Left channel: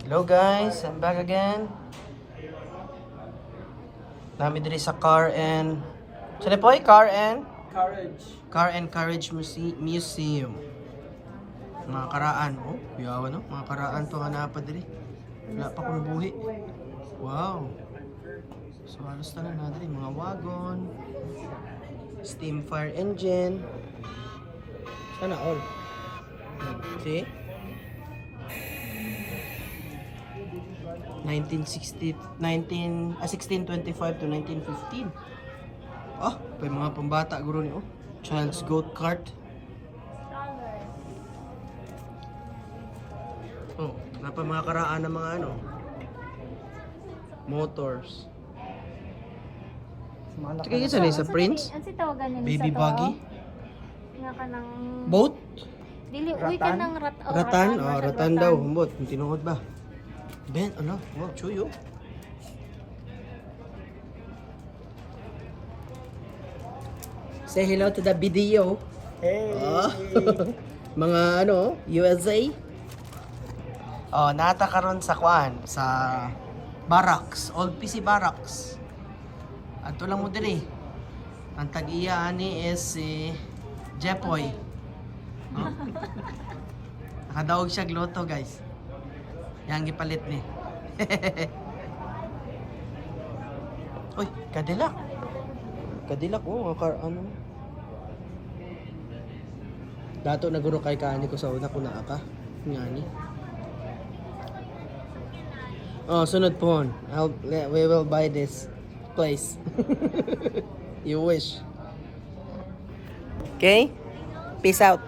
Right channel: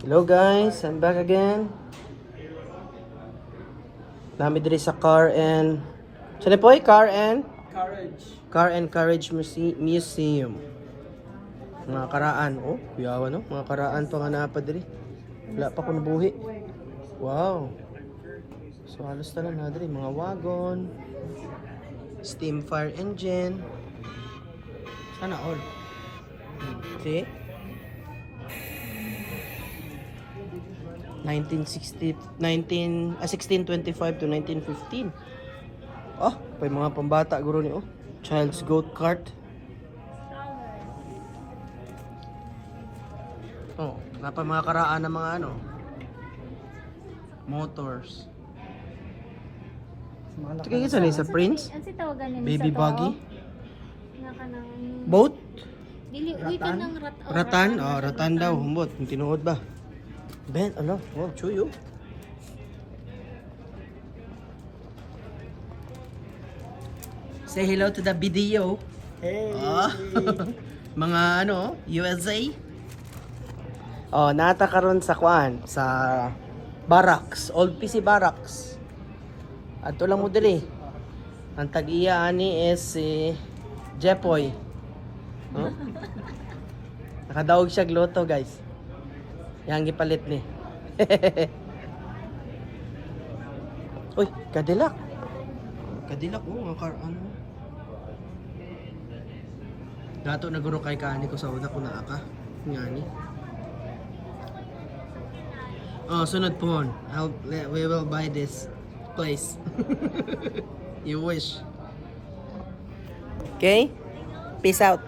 Hello guys, I'm back again. Nami diri sa Car and Car and Courage Museum. Mga karaan, oh, yawa no, mga karaan pa nga napad diri. Wala pa kong buhi. Wow. So halos na lang na diri, mga wagon, steam fire engine. Sana all. See? 1625 to 1915. Oh, pa mga pambata guro ni oh. Child's goat cart. Oh, napa mga karaan ng mga ano motors. Sige sa ni sa Prince. Ano si tawagan nila Baby sa to? buggy. Nga ka ng... Boat. Dili, uy ka ng Ratan, oh, ratan daw, humbot, tinuod ba? Ben, ano? Wow, chuyo. Say hello to the video. Hey! Oh. Mga ano, USA. Oh, nata karon sa kuan, sa barracks, Old PC Barracks. Ato lang mo diri. Ang tag-iya ani is si Jepoy. Hmm? Nakadaog siya gluto, guys. Yang gipalit ni. Uy, Cadillac. Cadillac, oh, ano. Dato na guro kay kaani ko sa una ko naa ka. Ngani. Oh, sunod po. We will buy this place. You wish. Okay? Peace out.